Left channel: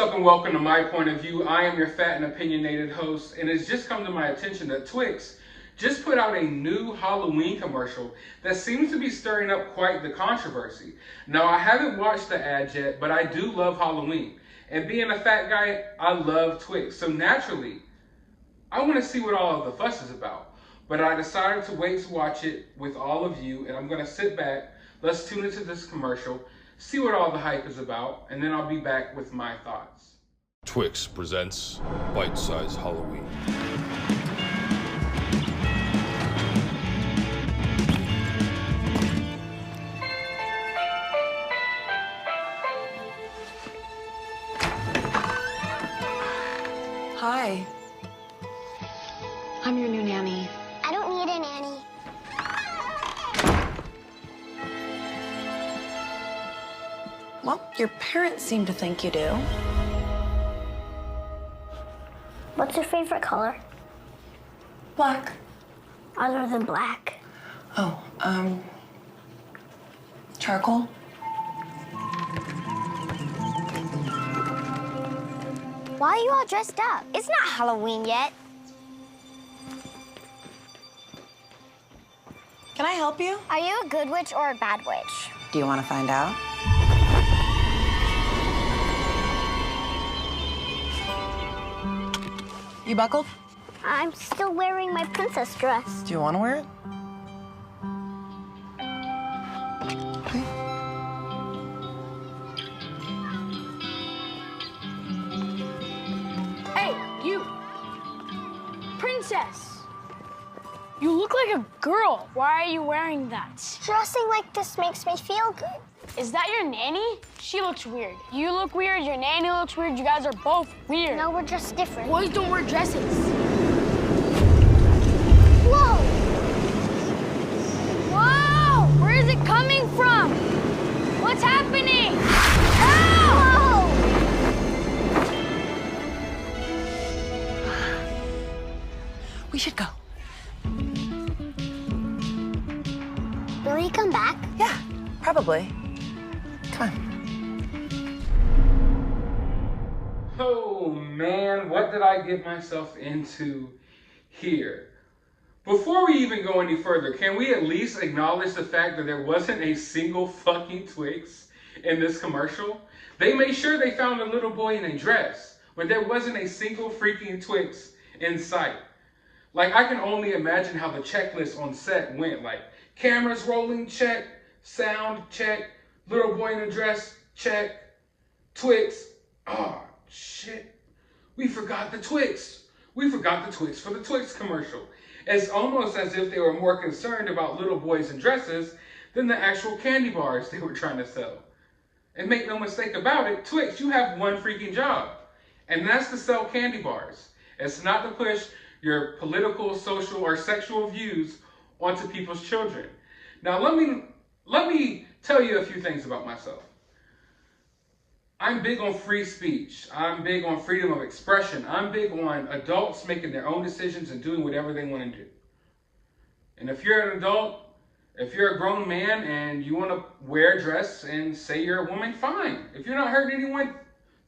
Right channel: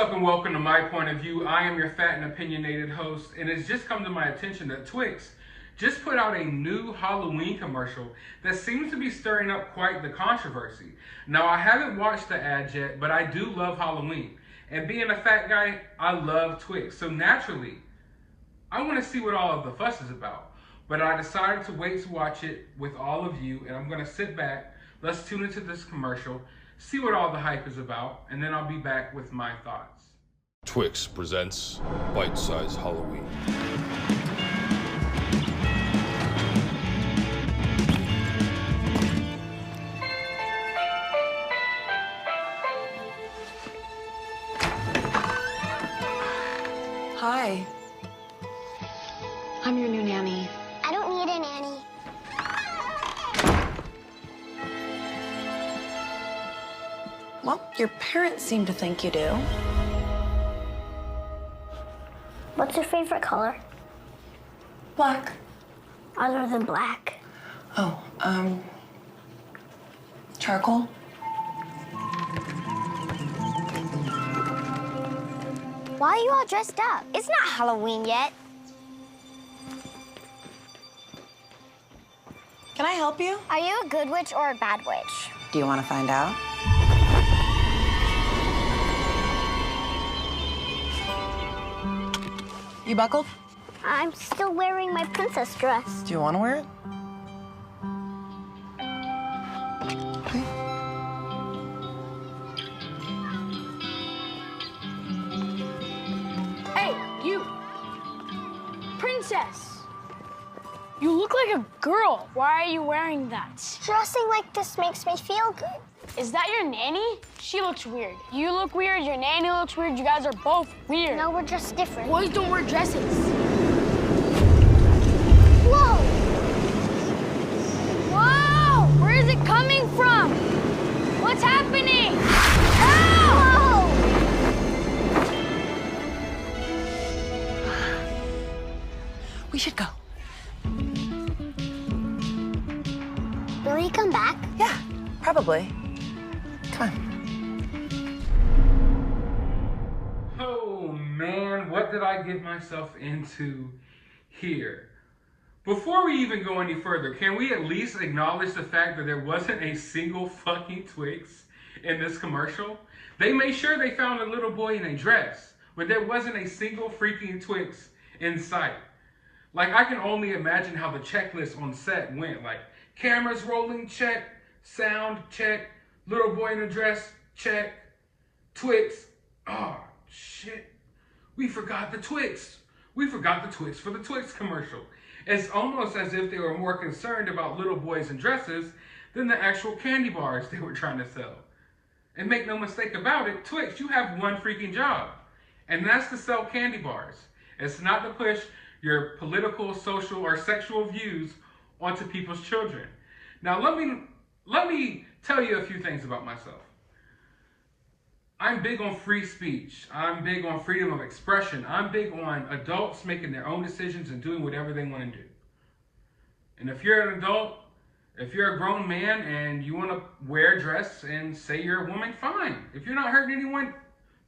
up and welcome to My Point of View. I am your fat and opinionated host, and it's just come to my attention that Twix just put out a new Halloween commercial that seems to be stirring up quite the controversy. Now, I haven't watched the ad yet, but I do love Halloween. And being a fat guy, I love Twix. So naturally, I want to see what all of the fuss is about. But I decided to wait to watch it with all of you, and I'm going to sit back, let's tune into this commercial, see what all the hype is about, and then I'll be back with my thoughts. Twix presents Bite-Size Halloween. Hi. I'm your new nanny. I don't need a nanny. Well, your parents seem to think you do. What's your favorite color? Black. Other than black. Oh, charcoal? Why are you all dressed up? It's not Halloween yet. Can I help you? Are you a good witch or a bad witch? Do you want to find out? You buckled? I'm still wearing my princess dress. Do you want to wear it? Okay. Hey, you! Princess! You look like a girl. Why are you wearing that? Dressing like this makes me feel good. Is that your nanny? She looks weird. You look weird, your nanny looks weird, you guys are both weird. No, we're just different. Boys don't wear dresses. Whoa! Whoa! Where is it coming from? What's happening? Help! We should go. Will he come back? Yeah, probably. Come on. Oh man, what did I get myself into here? Before we even go any further, can we at least acknowledge the fact that there wasn't a single fucking Twix in this commercial? They made sure they found a little boy in a dress, but there wasn't a single freaking Twix in sight. Like, I can only imagine how the checklist on set went. Like, cameras rolling, check. Sound, check. Little boy in a dress, check. Twix. Oh, shit. We forgot the Twix. We forgot the Twix for the Twix commercial. It's almost as if they were more concerned about little boys in dresses than the actual candy bars they were trying to sell. And make no mistake about it, Twix, you have one freaking job. And that's to sell candy bars. It's not to push your political, social, or sexual views onto people's children. Now, let me tell you a few things about myself. I'm big on free speech. I'm big on freedom of expression. I'm big on adults making their own decisions and doing whatever they want to do. And if you're an adult, if you're a grown man and you want to wear a dress and say you're a woman, fine. If you're not hurting anyone,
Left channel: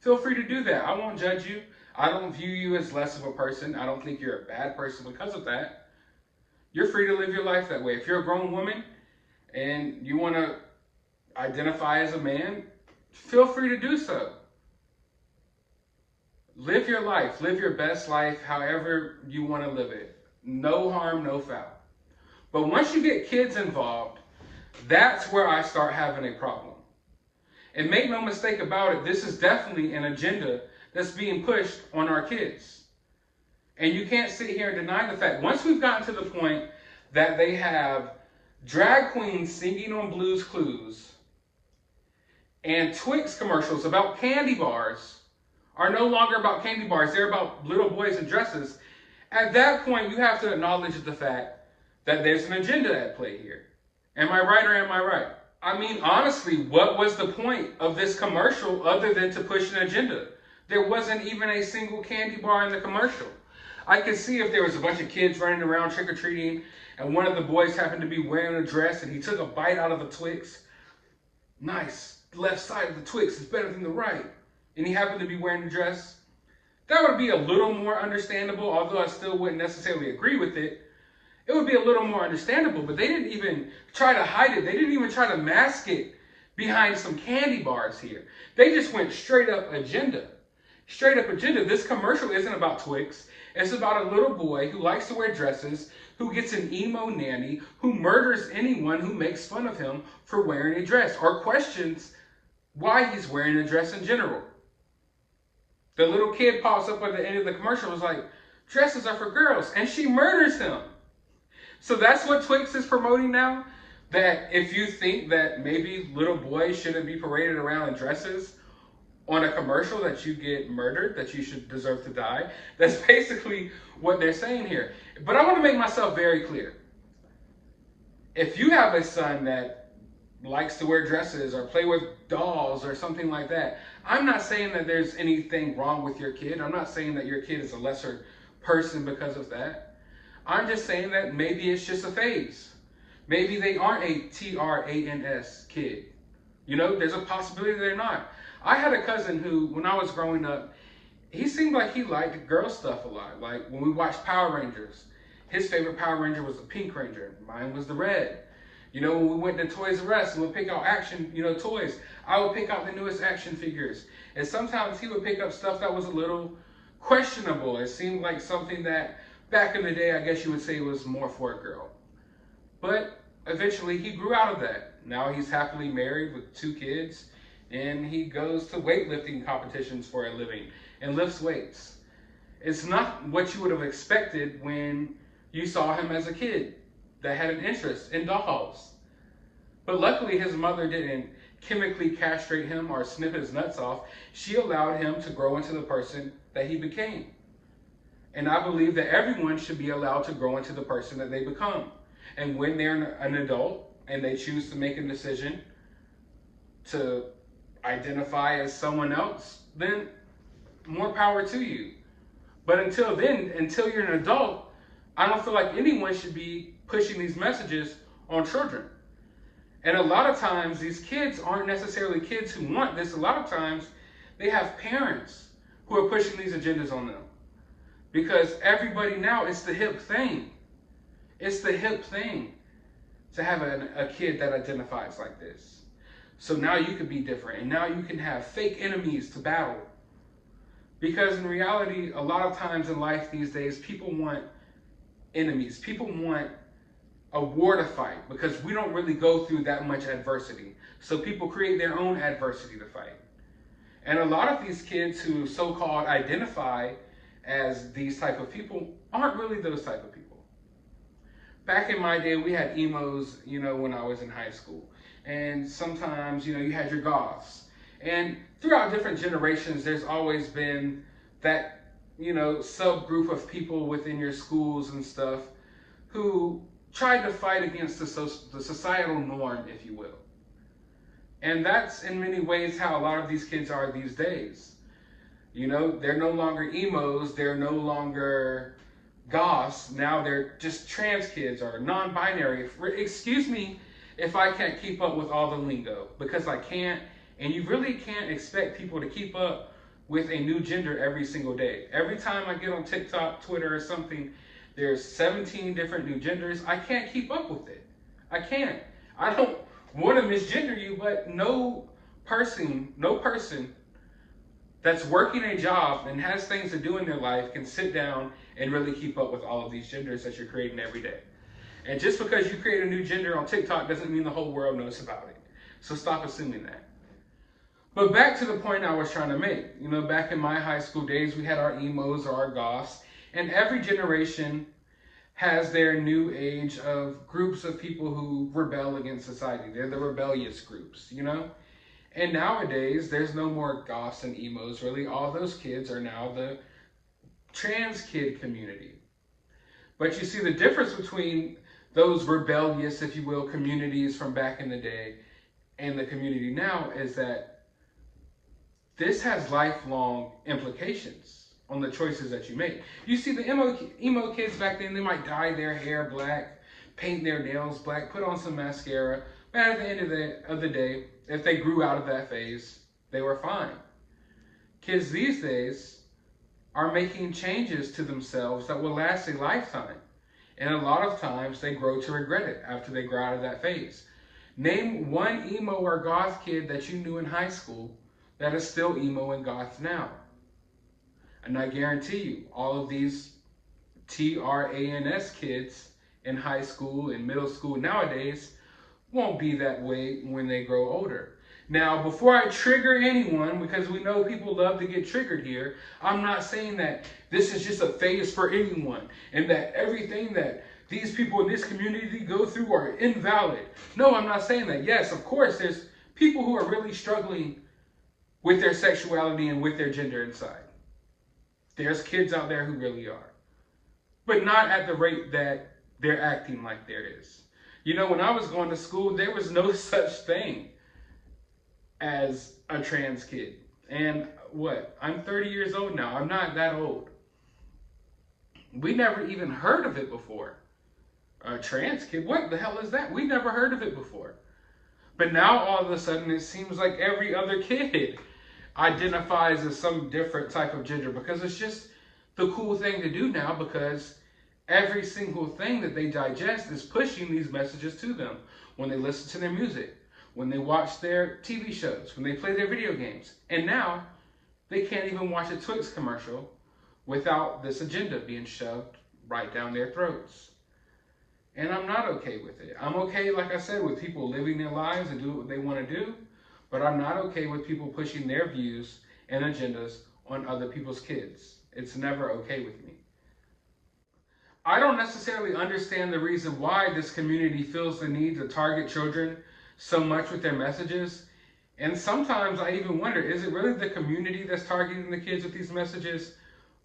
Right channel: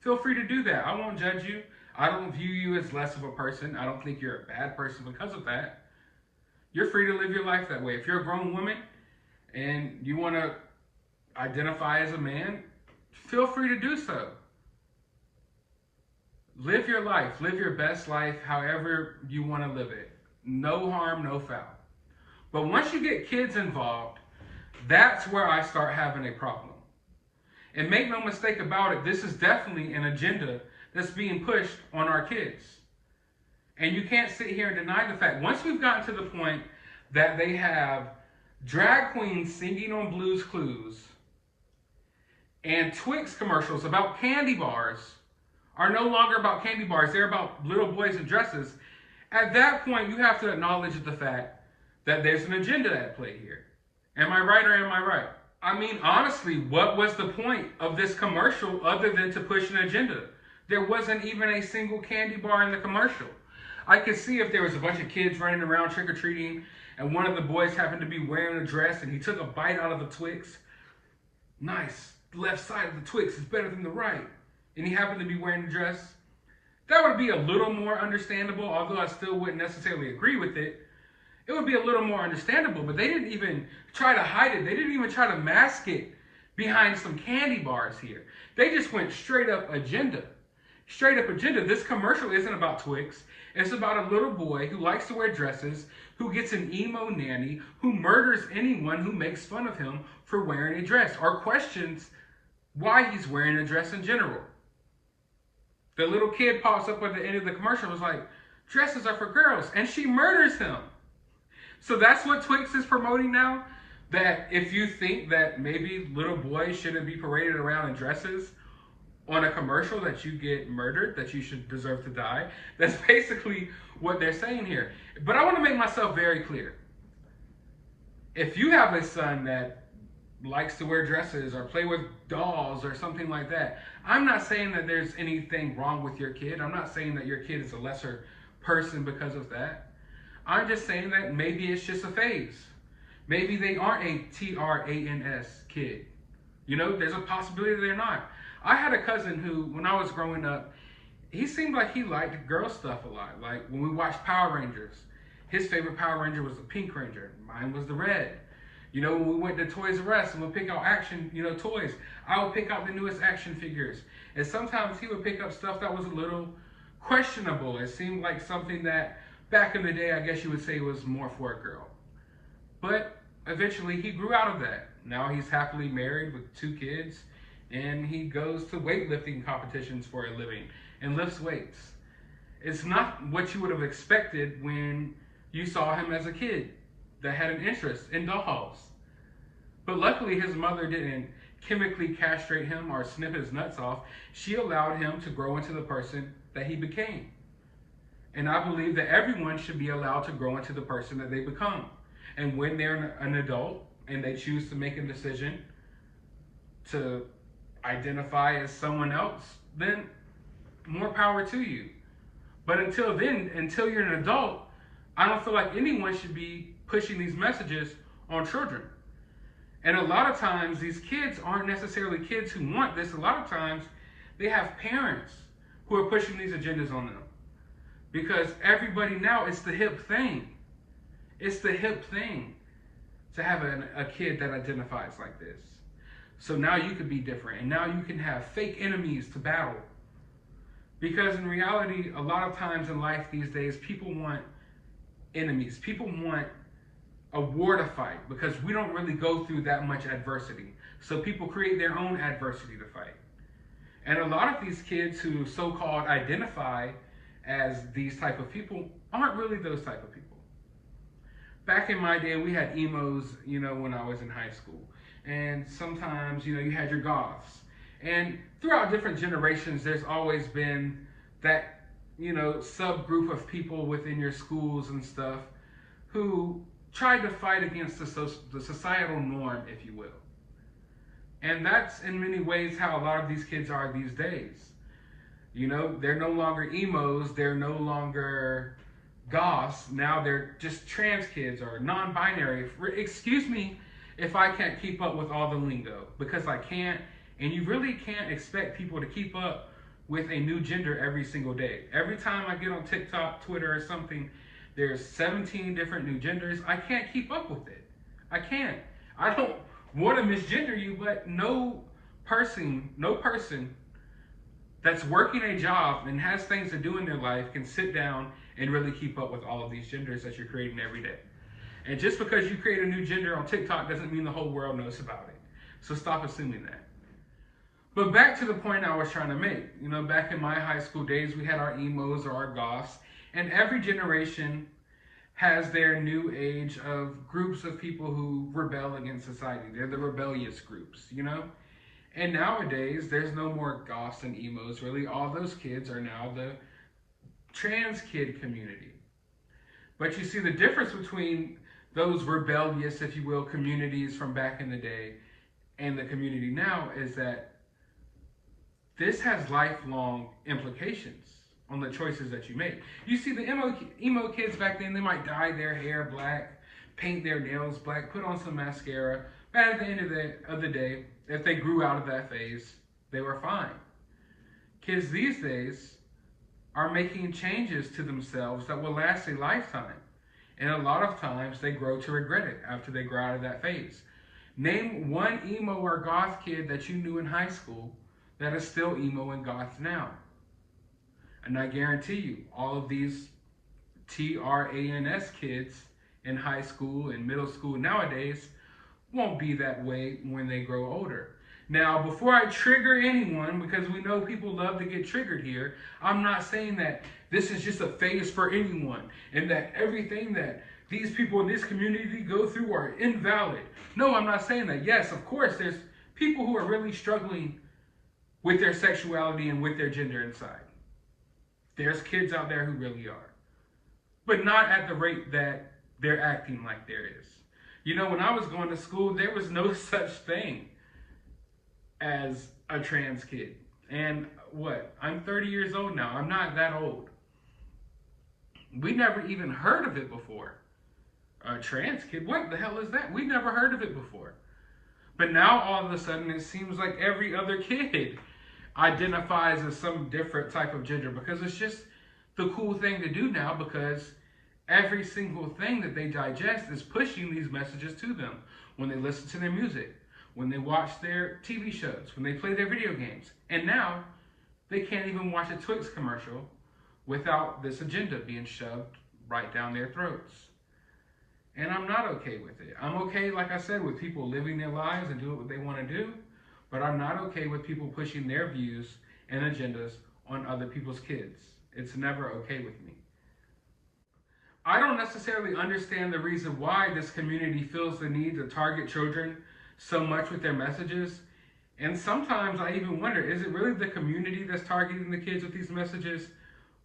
feel free to do that. I won't judge you. I don't view you as less of a person. I don't think you're a bad person because of that. You're free to live your life that way. If you're a grown woman and you want to identify as a man, feel free to do so. Live your life. Live your best life however you want to live it. No harm, no foul. But once you get kids involved, that's where I start having a problem. And make no mistake about it, this is definitely an agenda that's being pushed on our kids. And you can't sit here and deny the fact, once we've gotten to the point that they have drag queens singing on Blue's Clues and Twix commercials about candy bars are no longer about candy bars, they're about little boys in dresses. At that point, you have to acknowledge the fact that there's an agenda at play here. Am I right or am I right? I mean, honestly, what was the point of this commercial other than to push an agenda? There wasn't even a single candy bar in the commercial. I could see if there was a bunch of kids running around trick-or-treating and one of the boys happened to be wearing a dress and he took a bite out of a Twix. Nice. The left side of the Twix is better than the right. and he happened to be wearing a dress, that would be a little more understandable, although I still wouldn't necessarily agree with it. It would be a little more understandable, but they didn't even try to hide it. They didn't even try to mask it behind some candy bars here. They just went straight up agenda. Straight up agenda. This commercial isn't about Twix. It's about a little boy who likes to wear dresses, who gets an emo nanny, who murders anyone who makes fun of him for wearing a dress or questions why he's wearing a dress in general. The little kid pops up at the end of the commercial and is like, dresses are for girls, and she murders him. So that's what Twix is promoting now? That if you think that maybe little boys shouldn't be paraded around in dresses on a commercial, that you get murdered, that you should deserve to die. That's basically what they're saying here. But I want to make myself very clear. If you have a son that likes to wear dresses or play with dolls or something like that, I'm not saying that there's anything wrong with your kid. I'm not saying that your kid is a lesser person because of that. I'm just saying that maybe it's just a phase. Maybe they aren't a trans kid. You know, there's a possibility they're not. I had a cousin who, when I was growing up, he seemed like he liked girl stuff a lot. Like when we watched Power Rangers, his favorite Power Ranger was the Pink Ranger. Mine was the red. You know, when we went to Toys R Us and would pick out action, toys, I would pick out the newest action figures. And sometimes he would pick up stuff that was a little questionable. It seemed like something that back in the day, I guess you would say was more for a girl. But eventually he grew out of that. Now he's happily married with 2 kids, and he goes to weightlifting competitions for a living and lifts weights. It's not what you would have expected when you saw him as a kid that had an interest in dolls. But luckily his mother didn't chemically castrate him or snip his nuts off. She allowed him to grow into the person that he became. And I believe that everyone should be allowed to grow into the person that they become. And when they're an adult and they choose to make a decision to identify as someone else, then more power to you. But until then, until you're an adult, I don't feel like anyone should be pushing these messages on children. And a lot of times, these kids aren't necessarily kids who want this. A lot of times, they have parents who are pushing these agendas on them. Because everybody now, it's the hip thing. It's the hip thing to have a kid that identifies like this. So now you can be different. And now you can have fake enemies to battle. Because in reality, a lot of times in life these days, people want enemies. People want a war to fight because we don't really go through that much adversity. So people create their own adversity to fight. And a lot of these kids who so-called identify as these type of people aren't really those type of people. Back in my day, we had emos, when I was in high school. And sometimes, you had your goths. And throughout different generations, there's always been that, subgroup of people within your schools and stuff who tried to fight against the societal norm, if you will. And that's in many ways how a lot of these kids are these days. They're no longer emos, they're no longer goths, now they're just trans kids or non-binary. Excuse me if I can't keep up with all the lingo, because I can't, and you really can't expect people to keep up with a new gender every single day. Every time I get on TikTok, Twitter, or something, there's 17 different new genders. I can't keep up with it. I can't. I don't want to misgender you, but no person that's working a job and has things to do in their life can sit down and really keep up with all of these genders that you're creating every day. And just because you create a new gender on TikTok doesn't mean the whole world knows about it. So stop assuming that. But back to the point I was trying to make. Back in my high school days, we had our emos or our goths, and every generation has their new age of groups of people who rebel against society. They're the rebellious groups, And nowadays, there's no more goths and emos, really. All those kids are now the trans kid community. But you see the difference between those rebellious, if you will, communities from back in the day and the community now is that this has lifelong implications on the choices that you make. You see the emo kids back then, they might dye their hair black, paint their nails black, put on some mascara. But at the end of the day, if they grew out of that phase, they were fine. kids these days are making changes to themselves that will last a lifetime. And a lot of times they grow to regret it after they grow out of that phase. Name one emo or goth kid that you knew in high school that is still emo and goth now. And I guarantee you, all of these TRANS kids in high school and middle school nowadays won't be that way when they grow older. Now, before I trigger anyone, because we know people love to get triggered here, I'm not saying that this is just a phase for anyone and that everything that these people in this community go through are invalid. No, I'm not saying that. Yes, of course, there's people who are really struggling with their sexuality and with their gender inside. There's kids out there who really are, but not at the rate that they're acting like there is. You know, when I was going to school, there was no such thing as a trans kid. And what? I'm 30 years old now. I'm not that old. We never even heard of it before. A trans kid? What the hell is that? We never heard of it before. But now all of a sudden it seems like every other kid identifies as some different type of gender because it's just the cool thing to do now, because every single thing that they digest is pushing these messages to them when they listen to their music, when they watch their TV shows, when they play their video games. And now they can't even watch a Twix commercial without this agenda being shoved right down their throats. And I'm not okay with it. I'm okay, like I said, with people living their lives and doing what they want to do, but I'm not okay with people pushing their views and agendas on other people's kids. It's never okay with me. I don't necessarily understand the reason why this community feels the need to target children so much with their messages. And sometimes I even wonder, is it really the community that's targeting the kids with these messages,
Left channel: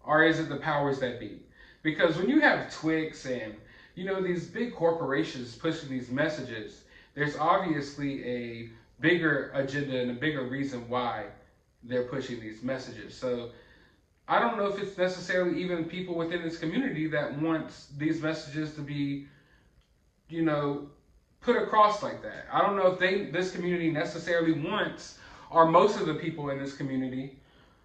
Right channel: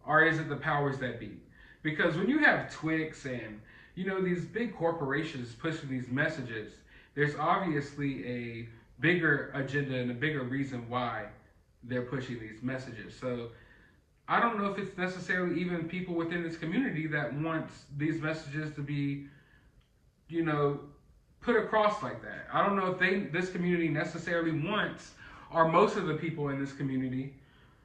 or is it the powers that be? Because when you have Twix and, you know, these big corporations pushing these messages, there's obviously a bigger agenda and a bigger reason why they're pushing these messages. So I don't know if it's necessarily even people within this community that wants these messages to be, you know, put across like that. I don't know if this community necessarily wants, or most of the people in this community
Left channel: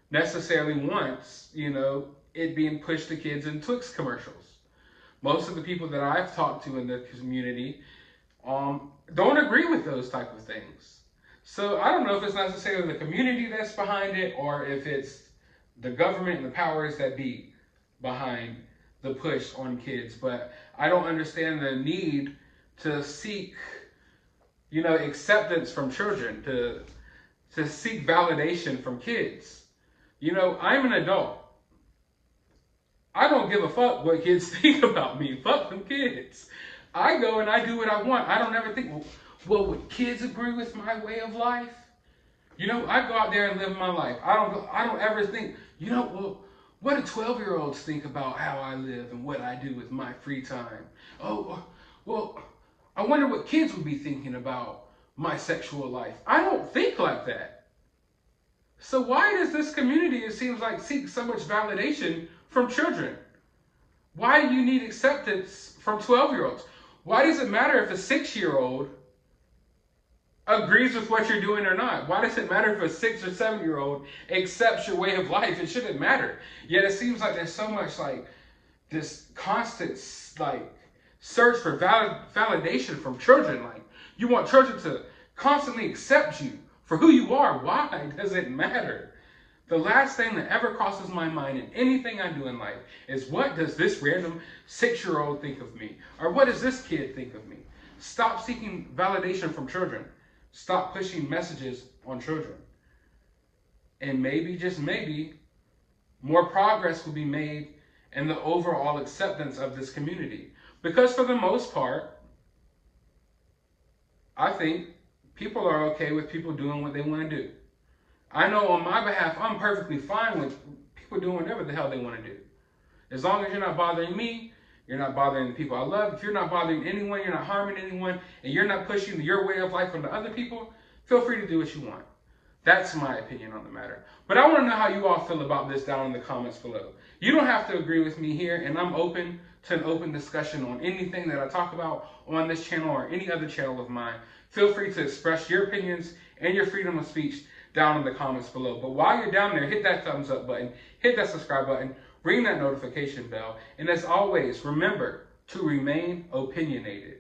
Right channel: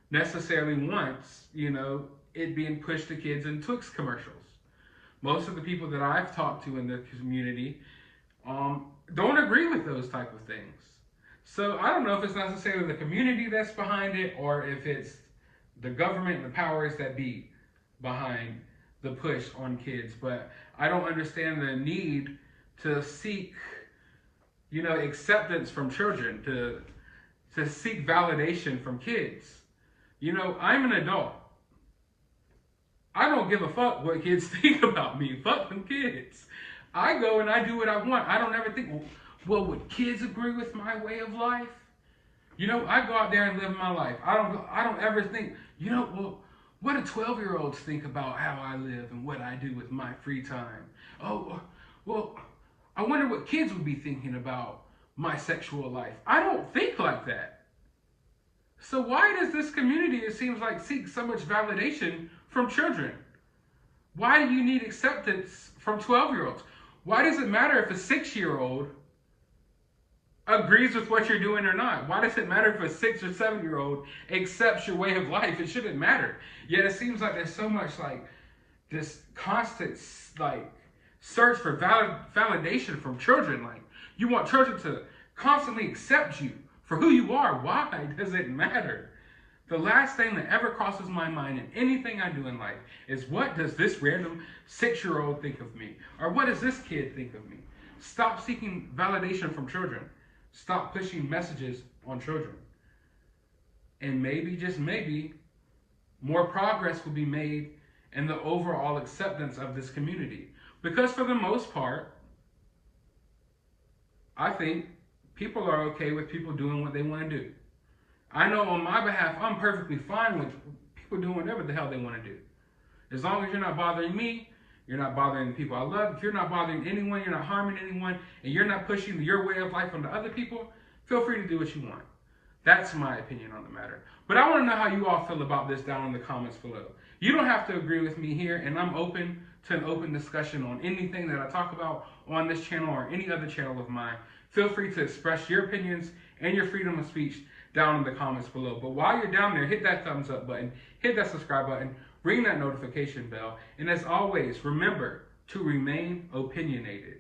necessarily wants, you know, it being pushed to kids in Twix commercials. Most of the people that I've talked to in the community don't agree with those type of things. So I don't know if it's necessarily the community that's behind it, or if it's the government and the powers that be behind the push on kids. But I don't understand the need to seek, you know, acceptance from children, to seek validation from kids. You know, I'm an adult. I don't give a fuck what kids think about me. Fuck them kids. I go and I do what I want. I don't ever think, well, would kids agree with my way of life? You know, I go out there and live my life. I don't ever think, you know, well, what do 12-year-olds think about how I live and what I do with my free time? Oh, well, I wonder what kids would be thinking about my sexual life. I don't think like that. So why does this community, it seems like, seek so much validation from children? Why do you need acceptance from 12-year-olds? Why does it matter if a 6-year-old agrees with what you're doing or not? Why does it matter if a 6 or 7-year-old accepts your way of life? It shouldn't matter. Yet it seems like there's so much like this constant like search for validation from children. Like, you want children to constantly accept you for who you are. Why does it matter? The last thing that ever crosses my mind in anything I do in life is, what does this random 6-year-old think of me? Or what does this kid think of me? Stop seeking validation from children. Stop pushing messages on children. And maybe, just maybe, more progress will be made in the overall acceptance of this community. Because for the most part, I think people are okay with people doing what they want to do. I know on my behalf, I'm perfectly fine with people doing whatever the hell they want to do. As long as you're not bothering me, you're not bothering the people I love. If you're not bothering anyone, you're not harming anyone, and you're not pushing your way of life onto other people, feel free to do what you want. That's my opinion on the matter. But I want to know how you all feel about this down in the comments below. You don't have to agree with me here, and I'm open to an open discussion on anything that I talk about on this channel or any other channel of mine. Feel free to express your opinions and your freedom of speech down in the comments below. But while you're down there, hit that thumbs up button, hit that subscribe button, ring that notification bell, and as always, remember to remain opinionated.